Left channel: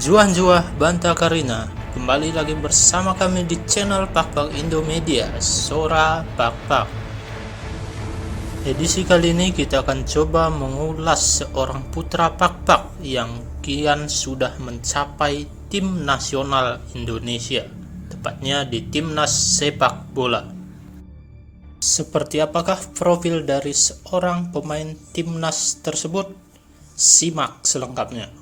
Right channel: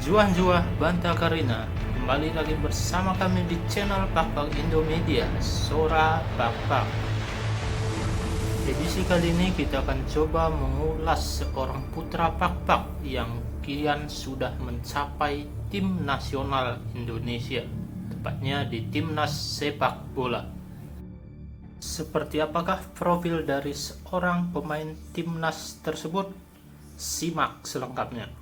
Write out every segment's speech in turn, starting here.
Juah Banta Karina, kembali lagi bersama kami di channel Pak Indomedia, Sora Pak. Edisi kali ini kita akan coba mengulas seorang putra Pak yang kian sudah mencapai tim nasional Indonesia, tepatnya di timnas sepak bola. Seperti apakah profil dari seorang pemain timnas tersebut? Simak selengkapnya.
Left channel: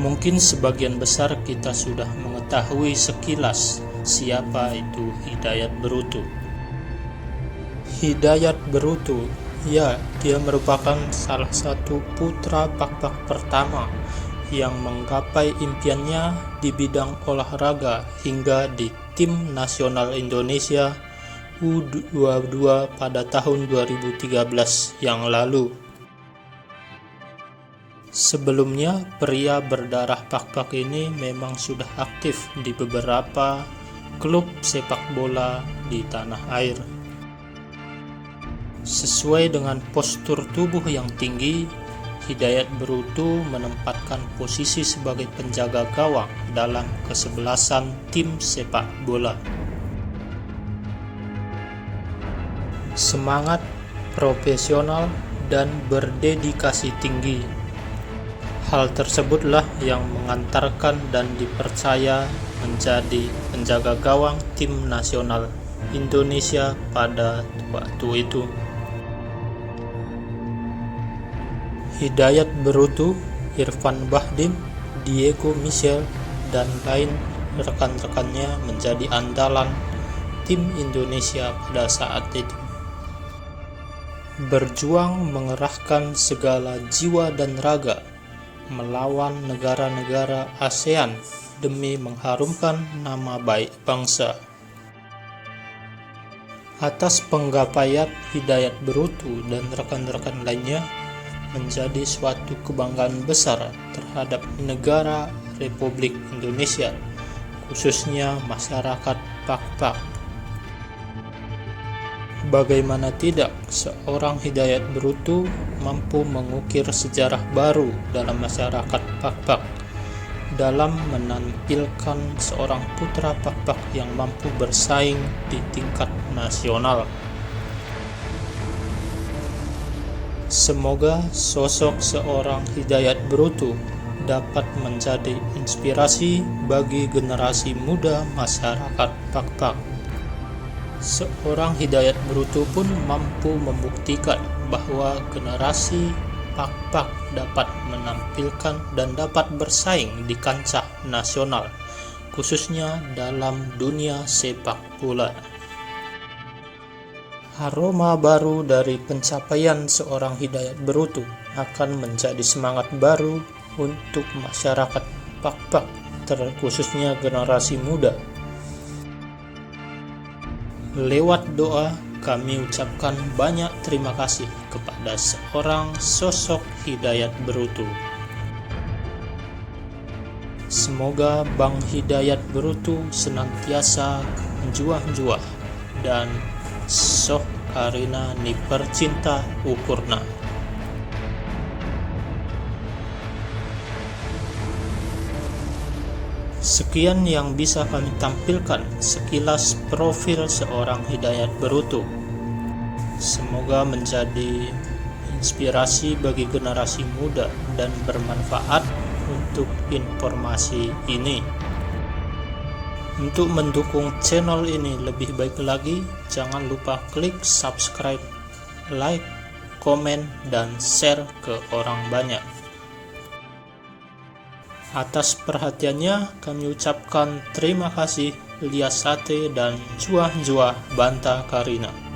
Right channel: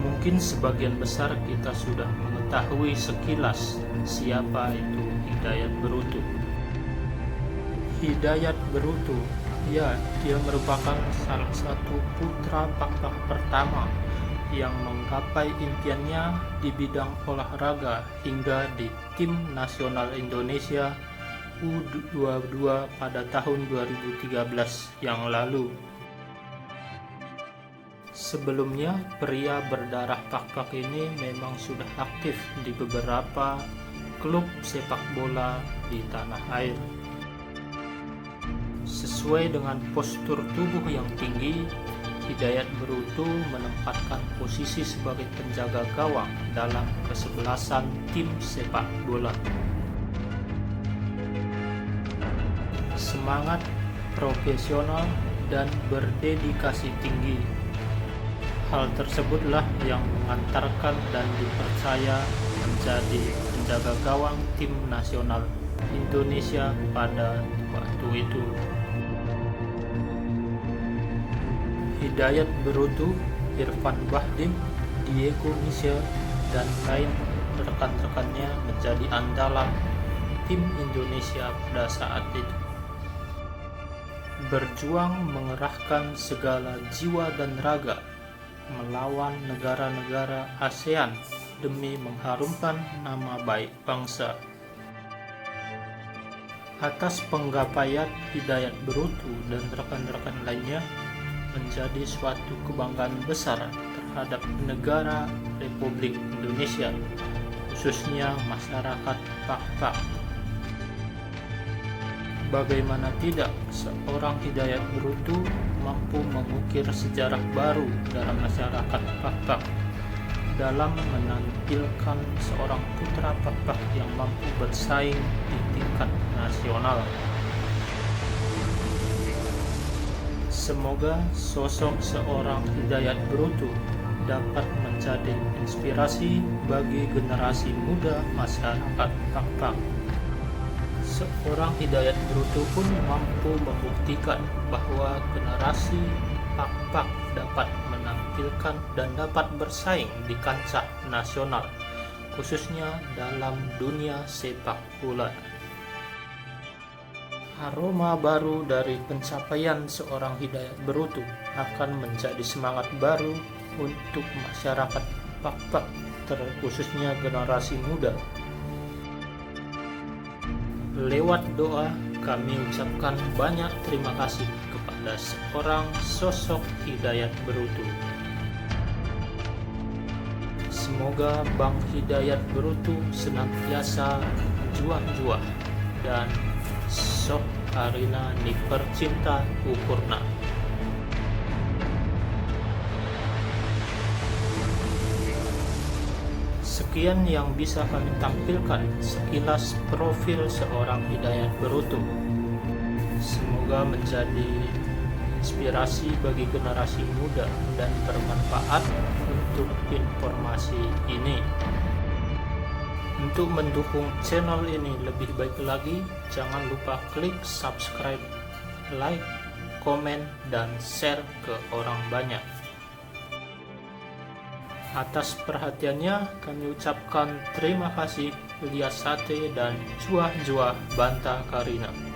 Mungkin sebagian besar kita sudah mengetahui sekilas siapa itu Hidayat Berutu. Hidayat Berutu, ya, dia merupakan salah satu putra Pak pertama yang menggapai impiannya di bidang olahraga hingga di tim nasional Indonesia U22 pada tahun 2013 yang lalu. Sebelumnya, pria berdarah Pak ini memang sudah aktif di beberapa klub sepak bola di tanah air. Sesuai dengan postur tubuh yang tinggi, Hidayat Berutu menempatkan posisi sebagai penjaga gawang dalam kesebelasan tim sepak bola. Semangat, profesional, dan berdedikasi tinggi. Hal tersebutlah yang mengantarkan dan dipercaya menjadi penjaga gawang tim nasional Indonesia pada waktu itu. Hidayat Berutu, Irfan Bahdim, Diego Michel, dan lain rekan-rekannya menjadi andalan tim Indonesia pada saat itu. Berjuang mengerahkan segala jiwa dan raga melawan negara-negara ASEAN demi mengharumkan nama baik bangsa. Atas penggapaian Hidayat Berutu dan rekan-rekan lainnya menjadi suatu kebanggaan besar terhadap negara Republik Indonesia, khususnya masyarakat Pak. Bagaimana tidak, seorang Hidayat Berutu mampu mengukir sejarah baru dalam masyarakat Pak dalam menampilkan seorang putra Pak yang mampu bersaing di tingkat nasional. Semoga sosok seorang Hidayat Berutu dapat menjadi inspirasi bagi generasi muda masyarakat Pak. Seorang Hidayat Berutu pun mampu membuktikan bahwa generasi Pak dapat menampilkan dan dapat bersaing di kancah nasional, khususnya dalam dunia sepak bola. Aroma baru dari pencapaian seorang Hidayat Berutu akan menjadi semangat baru untuk masyarakat Pak, terkhususnya generasi muda. Lewat doa, kami ucapkan banyak terima kasih kepada seorang sosok Hidayat Berutu. Semoga Bang Hidayat Berutu senantiasa juah dan Sok Karina ni percinta ukurna. Sekian yang bisa kami tampilkan sekilas profil seorang Hidayat Berutu. Semoga menjadi inspirasi bagi generasi muda dan bermanfaat untuk informasi ini. Untuk mendukung channel ini lebih baik lagi, jangan lupa klik subscribe, like, komen, dan share ke orang banyak. Atas perhatiannya kami ucapkan terima kasih. Liasate dan Juah Banta Karina.